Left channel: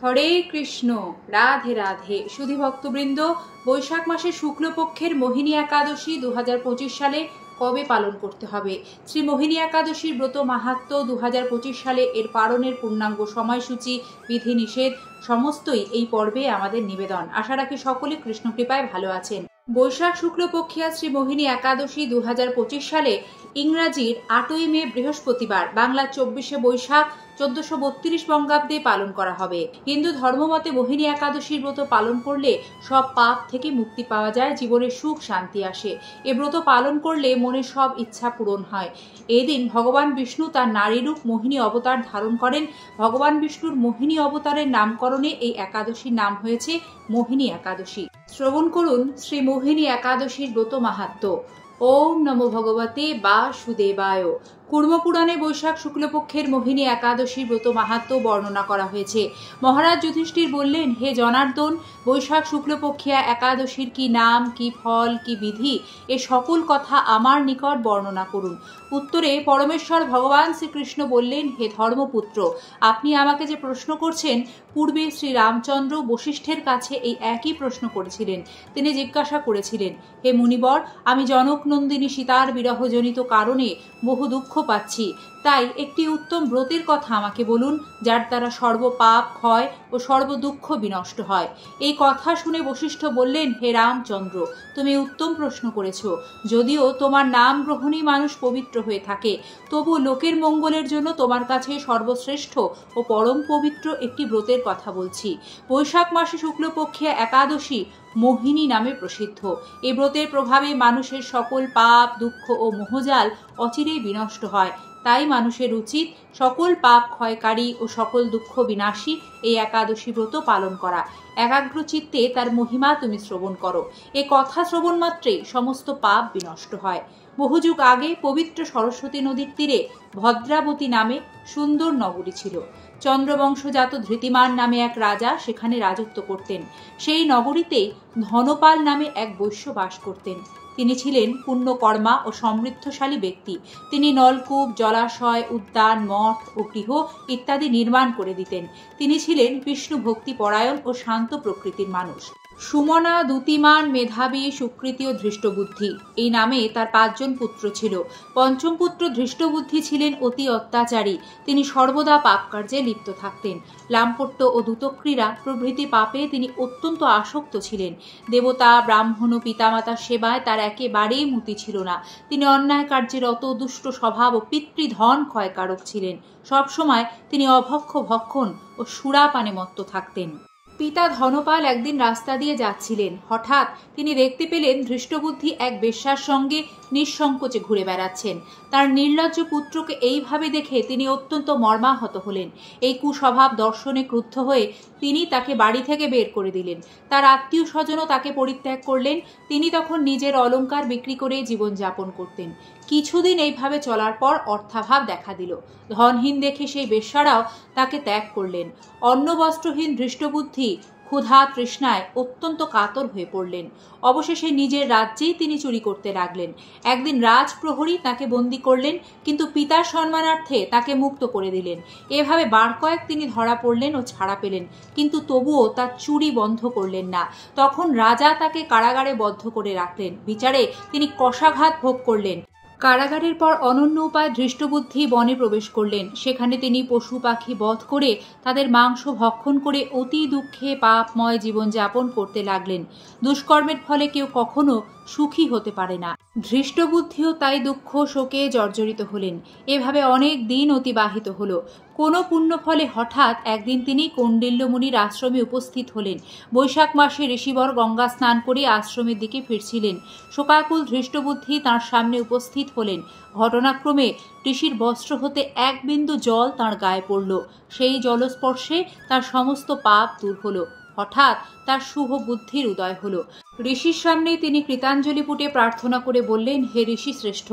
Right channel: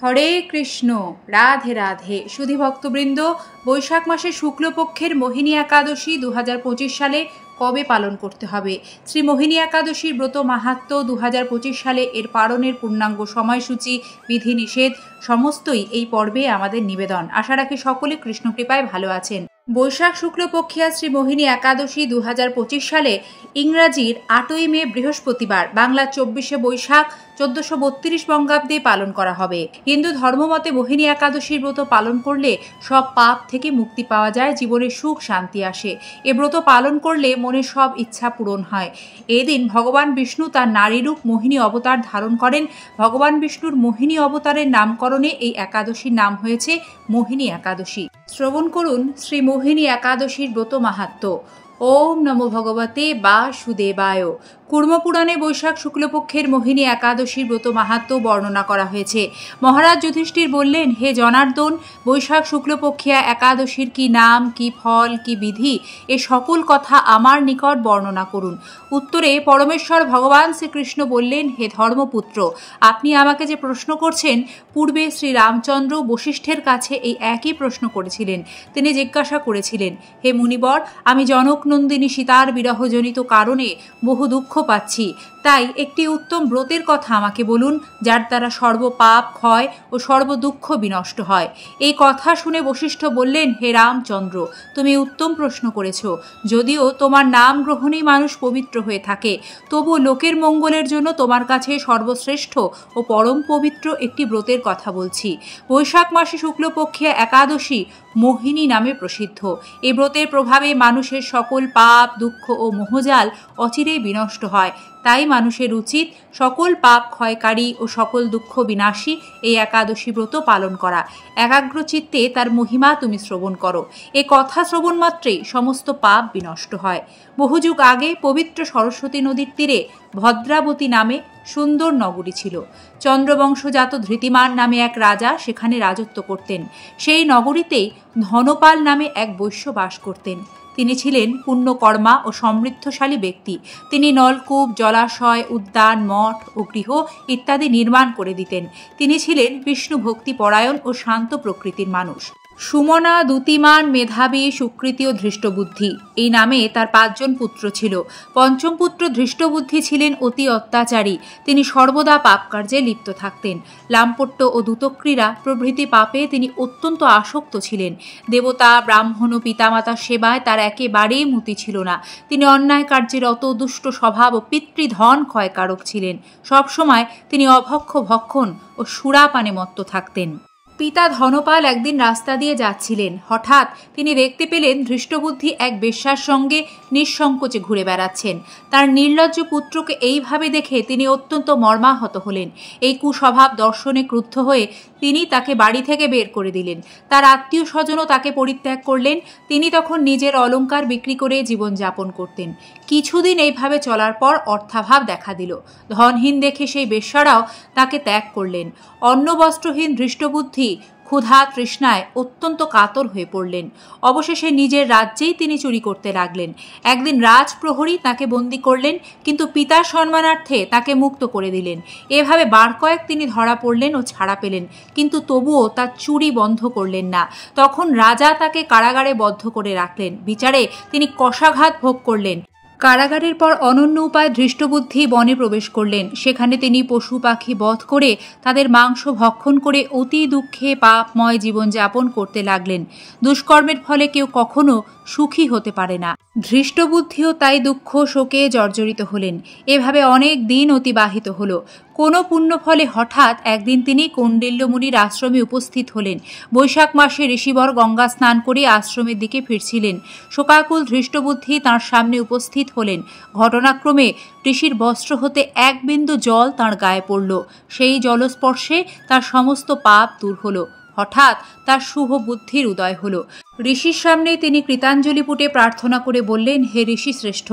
হরে কৃষ্ণ। রাধে রাধে। সুধী ভক্তবৃন্দ, বৈশাখ মাসে শুক্লপক্ষের মোহিনী একাদশী 2025 সালে কবে পালন করতে হবে? শ্রী মোহিনী একাদশীর ব্রত মাহাত্ম্য, 2025 সালে এর পালনের পূর্ণাঙ্গ সময়সূচি, বিধিনিষেধ সমস্তই এই পর্বে আমাদের নিবেদন। আশা রাখি সকলে কৃষ্ণ কৃপায় ভালো আছেন। বৈশাখ শুক্লপক্ষিয়া শ্রী মোহিনী একাদশী 2025 সালে ইংরাজির 8ই মে বৃহস্পতিবার, বাংলা 24শে বৈশাখ 1432 বঙ্গাব্দে পালন করা হবে। হিন্দু ধর্মমতে মোহিনী একাদশীর ব্রত পালন করলে সব পাপ থেকে মুক্তি পাওয়া যায়, জীবনে সুখ শান্তি আসে। এ ব্রত পালন করলে মনের সব ইচ্ছা পূরণ হয়। এদিন ভগবান বিষ্ণু তার নারীরূপ মোহিনী অবতার ধারণ করেন। ভগবান বিষ্ণুর মোহিনী অবতারের নামকরণে এই একাদশীর নাম হয়েছে মোহিনী একাদশী। শ্রবণ করুন শ্রী মোহিনী একাদশীর ব্রত মাহাত্ম্য। ওম নমো ভগবতে বাসুদেবায়। কুর্মপুরাণে বৈশাখ শুক্লপক্ষের মোহিনী একাদশীর ব্রত মাহাত্ম্য বর্ণনা করা হয়েছে। মহারাজ যুধিষ্ঠির বললেন, হে জনার্দন, বৈশাখ শুক্লপক্ষিয়া একাদশীর কি নাম, কি ফল, কি বিধি, এ সকল কথা আমার নিকট বর্ণনা করুন। উত্তরে পরমেশ্বর ভগবান শ্রীকৃষ্ণ বললেন, হে ধর্মপুত্র, আপনি আমাকে যে প্রশ্ন করছেন, পূর্বে শ্রী রামচন্দ্র বশিষ্ঠের কাছে এই একই প্রশ্ন করেছিলেন। তিনি জিজ্ঞাসা করেছিলেন, হে মুনিবর, আমি জনকনন্দিনী সীতার বিরহজনিত কারণে বহু দুঃখ পাচ্ছি, তাই একটি উত্তম ব্রতের কথা আমাকে বলুন, যার দ্বারা সর্বপাপ ক্ষয় ও সর্বদুঃখ বিনষ্ট হয়। এই কথা শুনে বশিষ্ঠ বললেন, হে রামচন্দ্র, তুমি উত্তম প্রশ্ন করেছ। যদিও তোমার নাম গ্রহণেই মানুষ পবিত্র হয়ে থাকে, তবু লোকের মঙ্গলের জন্য তোমার কাছে সর্বশ্রেষ্ঠ ও পরম পবিত্র একটি ব্রতের কথা বলছি। বৈশাখ মাসে শুক্লপক্ষিয়া একাদশী মোহিনী নামে প্রসিদ্ধ। এই ব্রতের প্রভাবে মানুষের সকল পাপ, দুঃখ ও মোহজাল অচিরেই বিনষ্ট হয়। তাই মানুষের উচিত সকল পাপ ক্ষয়কারী ও সকল দুঃখ বিনাশী এই একাদশী ব্রত পালন করা। একাগ্র চিত্তে তার মহিমা তুমি শ্রবণ করো। এ কথা শ্রবণ মাত্রেই সমস্ত পাপ বিনষ্ট হয়। বহুযুগ আগে পবিত্র সরস্বতী নদীর তীরে ভদ্রাবতী নামে সুন্দর নগরী ছিল। চন্দ্রবংশজাত ধৃতিমান নামে এক রাজা সেখানে রাজত্ব করতেন। সেই নগরীতেই ধনপাল নামে এক বৈশ্য বাস করতেন। তিনি ছিলেন পুণ্যকর্মা ও সমৃদ্ধশালী ব্যক্তি। তিনি নলকূপ, জলাশয়, উদ্যান, মঠ ও গৃহ ইত্যাদি নির্মাণ করে দিতেন। তিনি ছিলেন বিষ্ণু ভক্তি পরায়ণ ও শান্ত প্রকৃতির মানুষ। সুমনা, দ্যুতিমান, মেধাবী, সুকৃতি ও ধৃষ্টবুদ্ধি এই নামে তার 5 জন পুত্র ছিল। পঞ্চম পুত্র ধৃষ্টবুদ্ধি ছিলেন অতি অত্যাচারী। তিনি সর্বদা পাপ কার্যে লিপ্ত থাকতেন। লাম্পট্য ও দ্যুতক্রীড়া প্রভৃতি পাপে তিনি অত্যন্ত আসক্ত ছিলেন। দেবতা, ব্রাহ্মণ ও পিতামাতার সেবায় তার একেবারেই মতি ছিল না। তিনি অন্যায় কার্যের অত দুষ্ট স্বভাব ও পিতৃধন ক্ষয়কারক ছিলেন। সবসময় তিনি অভক্ষ ভক্ষণ ও সুরাপানে মত্ত থাকতেন। পিতা ধনপাল একদিন রাস্তা দিয়ে যাচ্ছিলেন। হঠাৎ তিনি দেখতে পেলেন ধৃষ্টবুদ্ধি এক বেশ্যার সঙ্গে নিঃসংকোচে ঘুরে বেড়াচ্ছেন। তার নির্লজ্জ পুত্রকে এইভাবে দেখে তিনি অত্যন্ত মর্মাহত হলেন। এই কুস্বভাব দর্শনে ক্রুদ্ধ হয়ে তিনি তাকে বাড়ি থেকে বের করে দিলেন। তার আত্মীয় স্বজনও তাকে পরিত্যাগ করলেন। তিনি তখন নিজের অলংকার বিক্রি করে জীবনযাপন করতেন। কিছুদিন এইভাবে চলার পর অর্থাভাব দেখা দিল। ধনহীন দেখে সেই বেশ্যারাও তাকে ত্যাগ করলেন। অন্নবস্ত্রহীন ধৃষ্টবুদ্ধি ক্ষুধা তৃষ্ণায় অত্যন্ত কাতর হয়ে পড়লেন। অবশেষে নিজের রাজ্যেই তিনি চুরি করতে লাগলেন। একদিন রাজপ্রহরী তাকে বন্দী করলেন, কিন্তু পিতার সম্মানার্থে তাকে মুক্ত করে দিলেন। এভাবে বার কয়েক তিনি ধরা পড়লেন ও ছাড়া পেলেন, কিন্তু তবুও তার চুরি বন্ধ করলেন না। তখন রাজা তাকে কারাগারে বদ্ধ করে রাখলেন। বিচারে তিনি কষাঘাত ভোগ করলেন। কারাগারের পর অনন্য উপায় ধৃষ্টবুদ্ধি বনে প্রবেশ করলেন। সেখানে তিনি পশু পাখি বধ করে তাদের মাংস ভক্ষণ করে অতি দুঃখে পাপময় জীবনযাপন করতে লাগলেন। দুষ্কর্মের ফলে কেউ কখনো সুখী হতে পারে না। ধৃষ্টবুদ্ধিও তাই দুঃখ শোকে জর্জরিত হলেন। এভাবে অনেক দিন অতিবাহিত হল। কোনো পুণ্য ফলে হঠাৎ একদিন তিনি কৌণ্ডিল্য মুনির আশ্রমে উপস্থিত হলেন। বৈশাখ মাসে ঋষিবর গঙ্গা স্নান করে আশ্রমের দিকে ফিরছিলেন। শোকাকুল ধৃষ্টবুদ্ধি তাঁর সামনে উপস্থিত হলেন। ঘটনাক্রমে ঋষির বস্ত্র হতে এক বিন্দু জল তাঁর গায়ে পড়ল। সেই জলস্পর্শে তার সমস্ত পাপ দূর হল। হঠাৎ তার শুভ বুদ্ধির উদয় হল। ঋষির সামনে তিনি কৃতাঞ্জলি পুটে প্রার্থনা করে বললেন, হে ঋষি শ্রেষ্ঠ,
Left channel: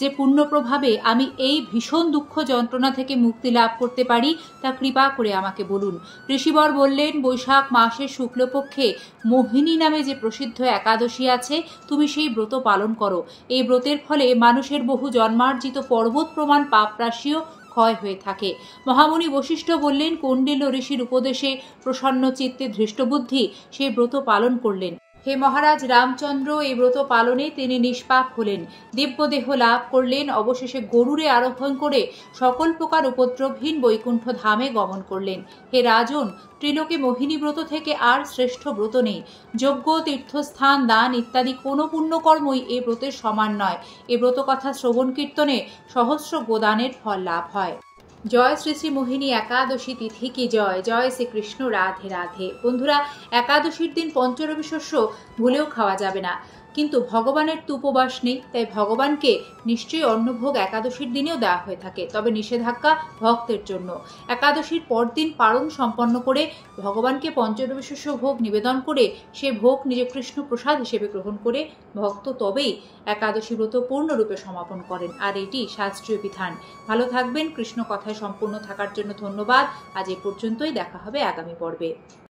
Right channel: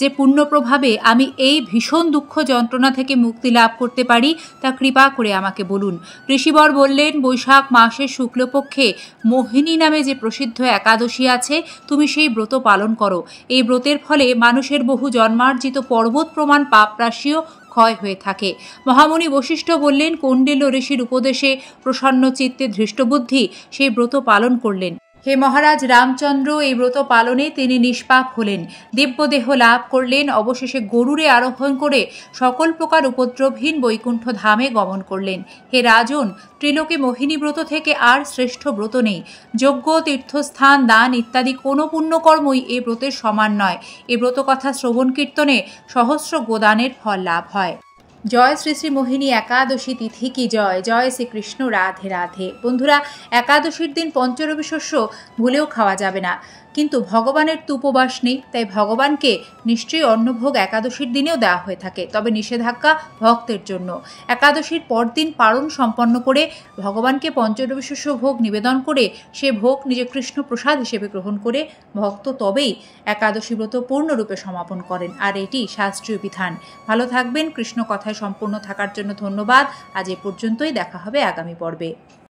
যে পুণ্য প্রভাবে আমি এই ভীষণ দুঃখ যন্ত্রণা থেকে মুক্তি লাভ করতে পারি তা কৃপা করে আমাকে বলুন। ঋষিবর বললেন, বৈশাখ মাসের শুক্লপক্ষে মোহিনী নামে যে প্রসিদ্ধ একাদশী আছে, তুমি সেই ব্রত পালন করো। এই ব্রতের ফলে মানুষের বহু জন্মার্জিত পর্বত প্রমাণ পাপরাশিও ক্ষয় হয়ে থাকে। মহামুনি বশিষ্ঠ বললেন, কৌন্ডিল্য ঋষির উপদেশে প্রসন্ন চিত্তে ধৃষ্টবুদ্ধি সেই ব্রত পালন করলেন। হে মহারাজ রামচন্দ্র, এই ব্রত পালনে তিনি নিষ্পাপ হলেন, দিব্যদেহ লাভ করলেন, অবশেষে গরুরে আরোহণ করে সকল প্রকার উপদ্রবহীন বৈকুণ্ঠ ধামে গমন করলেন। হে রাজন, ত্রিলোকে মোহিনী ব্রত থেকে আর শ্রেষ্ঠ ব্রত নেই। যজ্ঞ, তীর্থস্থান, দান ইত্যাদি কোনো পুণ্যকর্মই এ ব্রতের সমান নয়। এ ব্রত কথা শ্রবণ কীর্তনে সহস্র গোদানের ফল লাভ হয়। জয় শ্রী শ্রী মোহিনী একাদশী তিথি কি জয়। জয় শ্রীকৃষ্ণ, রাধে রাধে। বন্ধুরা, একাদশীর দিন পঞ্চরবি শস্য ভুলেও খাওয়া যাবে না, কিন্তু ভগবানের তো উপবাস নেই, তাই ভগবানকে নিশ্চয়ই অন্নভোগ একাদশীর দিনেও দেওয়া হয়ে থাকে, তবে নিষেধাজ্ঞা ভক্তের জন্য। একাদশীর পরদিন পারণ সম্পন্ন করে ভগবানকে পঞ্চরবি শস্য ভোগ নিবেদন করে সে ভোগ নিজে কৃষ্ণ প্রসাদ হিসেবে গ্রহণ করে ভক্ত তবেই একাদশী ব্রত পূর্ণরূপে সমাপন করেন, আর এটি শাস্ত্রীয় বিধান। ভালো থাকবেন। কৃষ্ণ কথায় সম্পূর্ণ থাকার জন্য ধন্যবাদ। আজ এ পর্যন্তই, দেখা হবে আগামী পর্বে।